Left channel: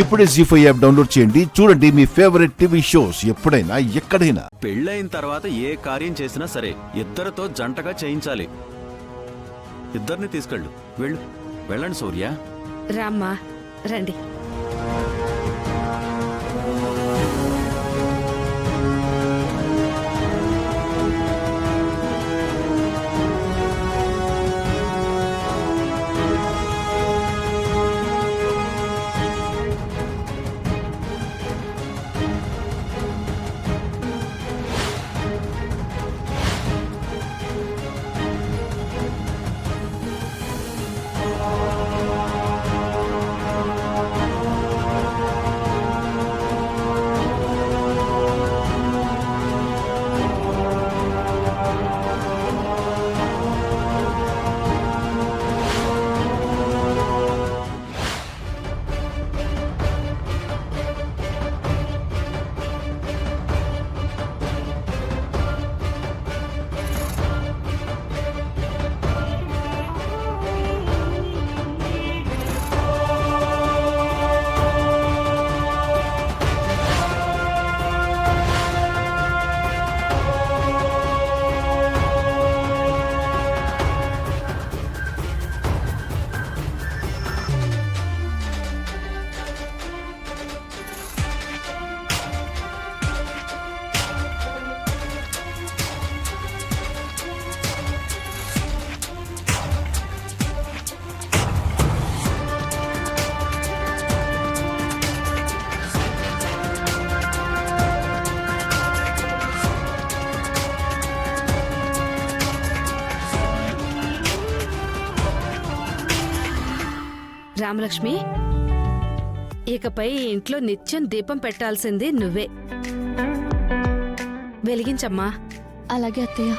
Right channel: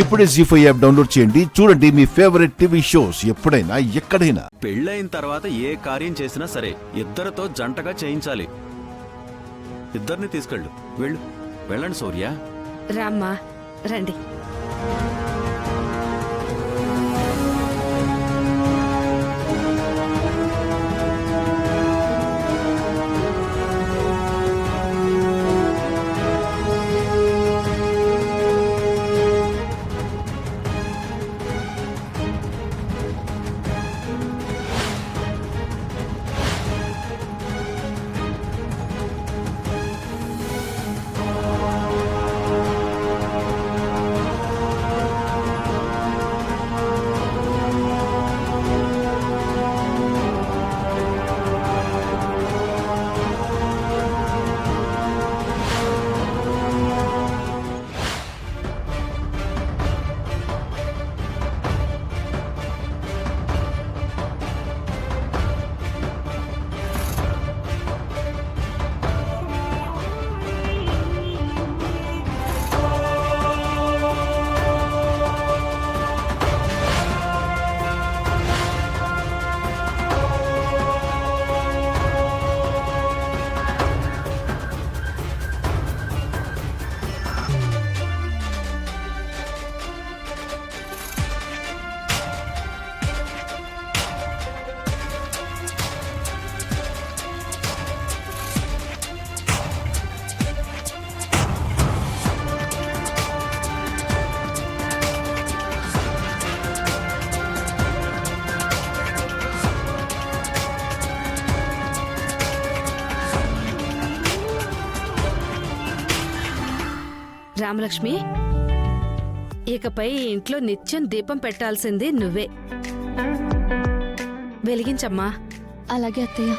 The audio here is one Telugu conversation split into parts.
ఇప్పుడే జీ5 యాప్ డౌన్లోడ్ చేయండి. చూడండి మీ ఫేవరెట్ టీవీ షోస్ ఎప్పుడైనా ఎక్కడైనా. పెళ్ళైన తర్వాత ఏ కార్యం చేసినా సరే ఇద్దరితో జంటగా చేయించాలి. ఇద్దరిని తీసుకెళ్ళు. వెళ్ళండి సూర్య. రామ్మా రండి. రామలక్ష్మి, ఇకపై ఇంట్లో నిత్యం దీపం పెట్టాల్సింది నువ్వే. వెలిగించమ్మా. అలాగే అత్తయ్య.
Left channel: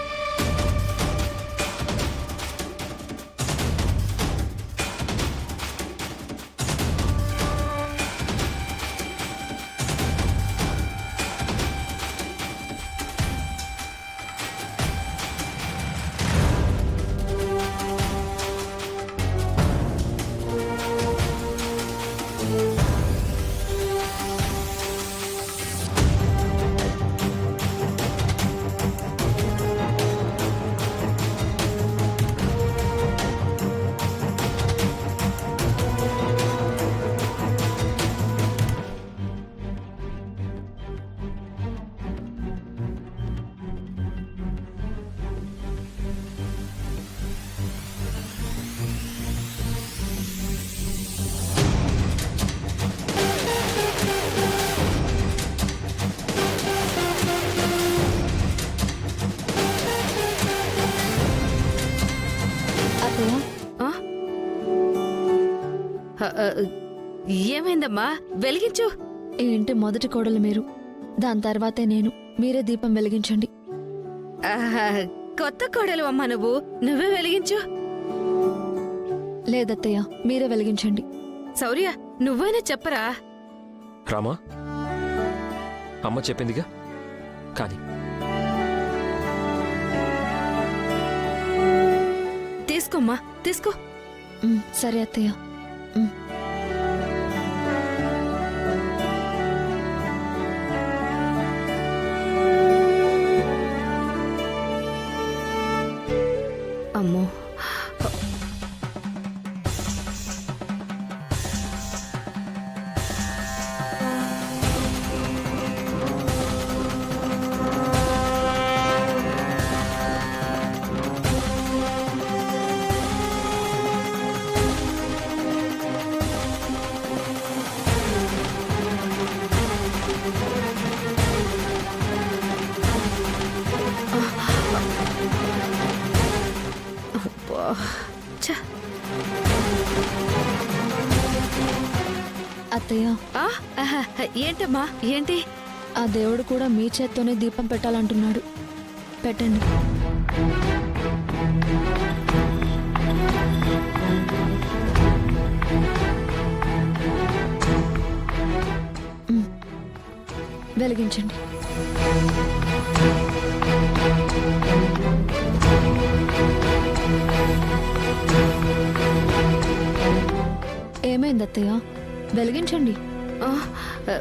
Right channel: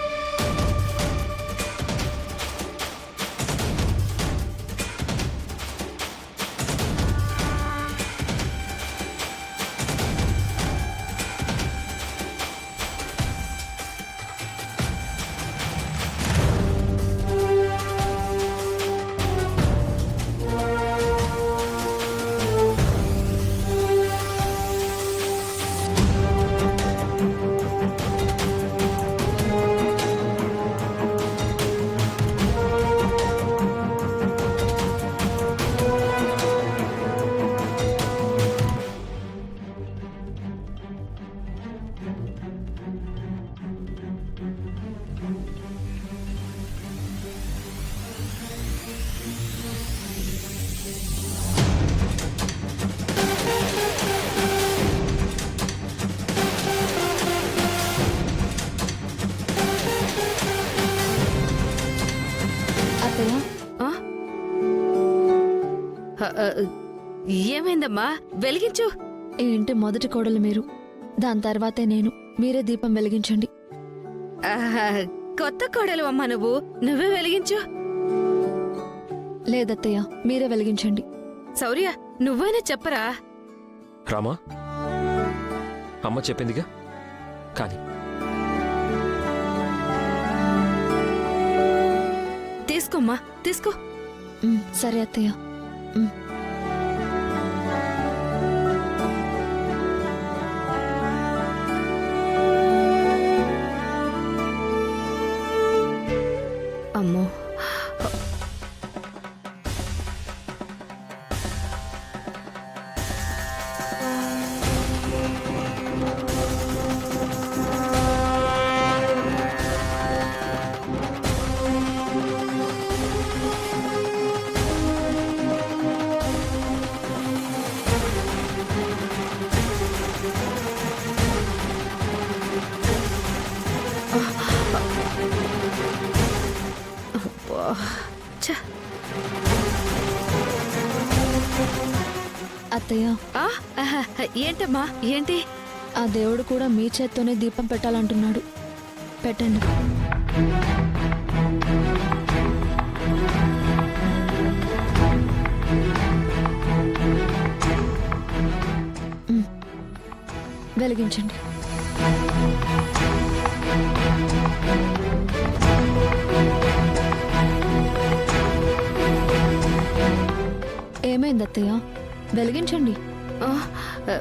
ఏమైందమ్మా? వెలిగించు. ఈ ఇంటి మొదటి కోడలు మీరు, దాని తర్వాతే నేను. మీరే దీపం వెలిగించండి. కొత్త కోడలు అమ్మా నువ్వు. నువ్వే వెలిగించు. లేదత్తయ్య, మీరే వెలిగించండి. శౌర్య, నువ్వైనా చెప్పరా? రామా, అమ్మ చెప్పిందిగా కానీ. తీసుకోమ్మా, తీసుకో. సరే అత్తయ్య. అమ్మో, అత్తయ్య, ఏంటమ్మా? ఏంటి? ఆ దేవుడు కూడా మీ చేత్తోనే దీపం పెట్టాలంటున్నాడు. పెట్టండి. వెలిగించండి. ఏమైంది అత్తయ్య? వెలిగించండి. ఆ, ఆ,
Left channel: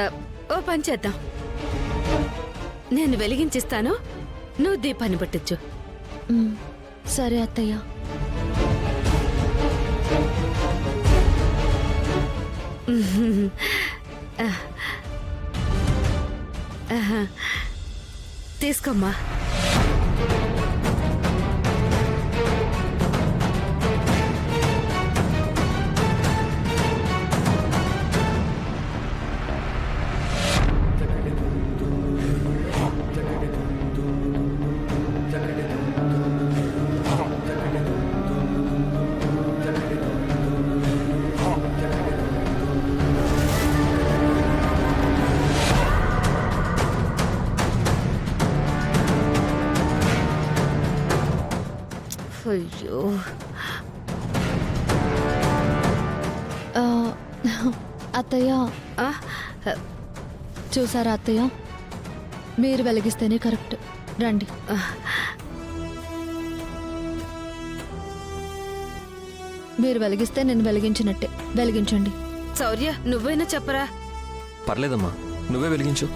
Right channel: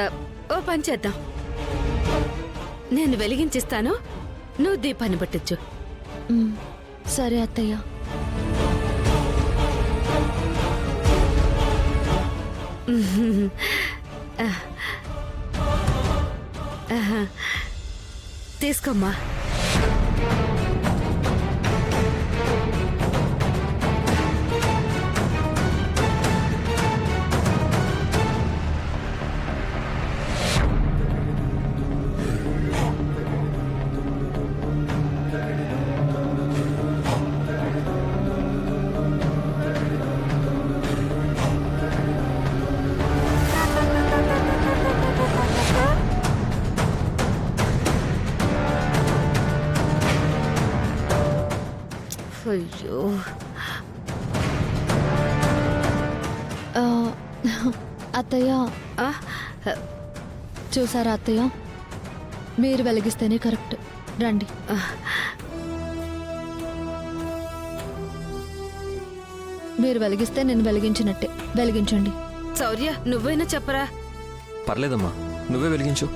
ఆ, ఓ పని చేద్దాం. నేను వెలిగించిస్తాను, నువ్వు దీపాన్ని పట్టించు. సరే అత్తయ్య. తీసుకోమ్మా. అయ్యో, ఆ, అత్తయ్య ఆ, చూసారా అత్తయ్య, మీరు వెలిగిస్తేనే కరెక్ట్. రండి. మీరు వెలిగిస్తే నేను వెలిగించినట్టే. వెలిగించండి. శౌర్య నువ్వైనా చెప్పరా. పర్లేదమ్మా, నువ్వే వెలిగించు.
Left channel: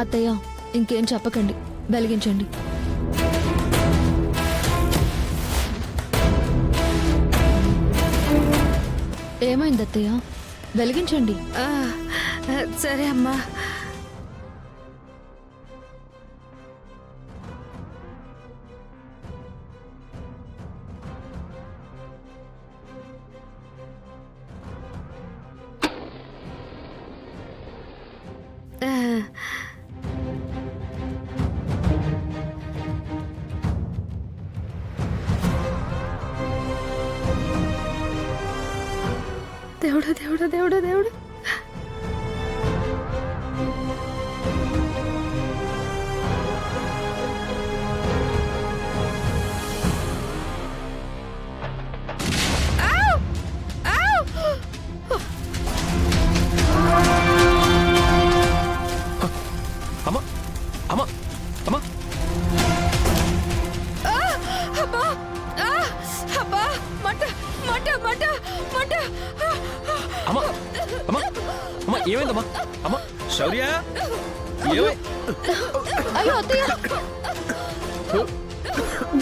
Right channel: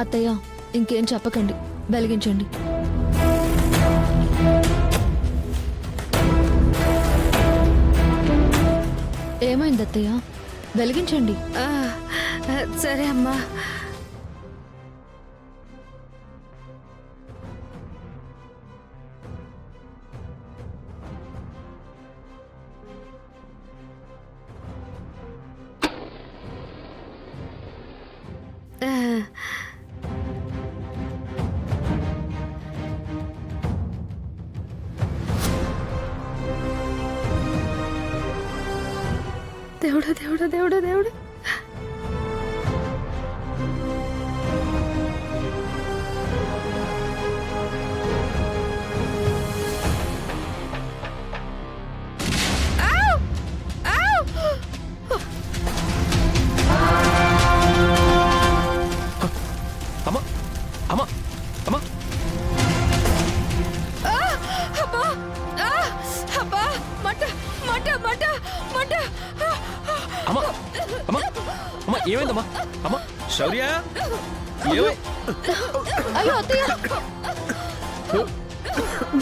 అత్తయ్య ఇంకేం చెప్పకండి, వెలిగించండి. ఏమైంది అత్తయ్య? వెలిగించండి. ఆ, సరే అమ్మా. దేవుడా దేవుడా దేవుడా దేవుడా. అమ్మా అమ్మా అమ్మా అబ్బా, అబ్బా, మంట మంట మంట మంట. అమ్మా అమ్మా అమ్మా ఏమైందమ్మా? అమ్మా శౌర్య, అయ్యో అత్తయ్య,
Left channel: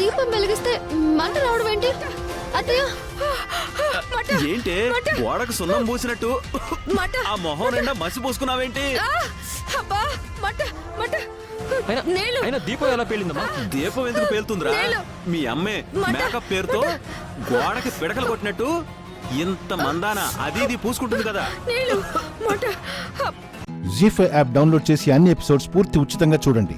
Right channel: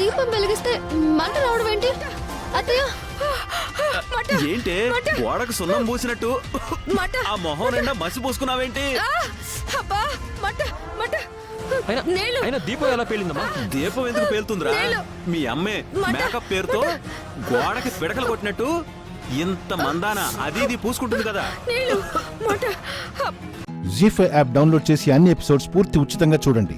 దీపం వెలిగిస్తే మంట రావడం ఏంటి అత్తయ్య? ఏంటే గోడకు సున్నం పూసినట్టు ఆ మొహం నిండా మసి పూసుకున్నావేంటి? అబ్బా, మంట మంట. అయినా దీపం ఎలా పేలిందమ్మా? దీపం ఎందుకు పేలుతుందిరా? మీ అమ్మే మేకప్ పేరుతో గోడకి పిడకలు కొట్టినట్టు ఇంత మందాన అది ఇది పూసుకుంటుంది కదా. జీ5 యాప్ డౌన్లోడ్ చేసి అన్ని ఎపిసోడ్స్ పూర్తి ఉచితంగా చూడండి.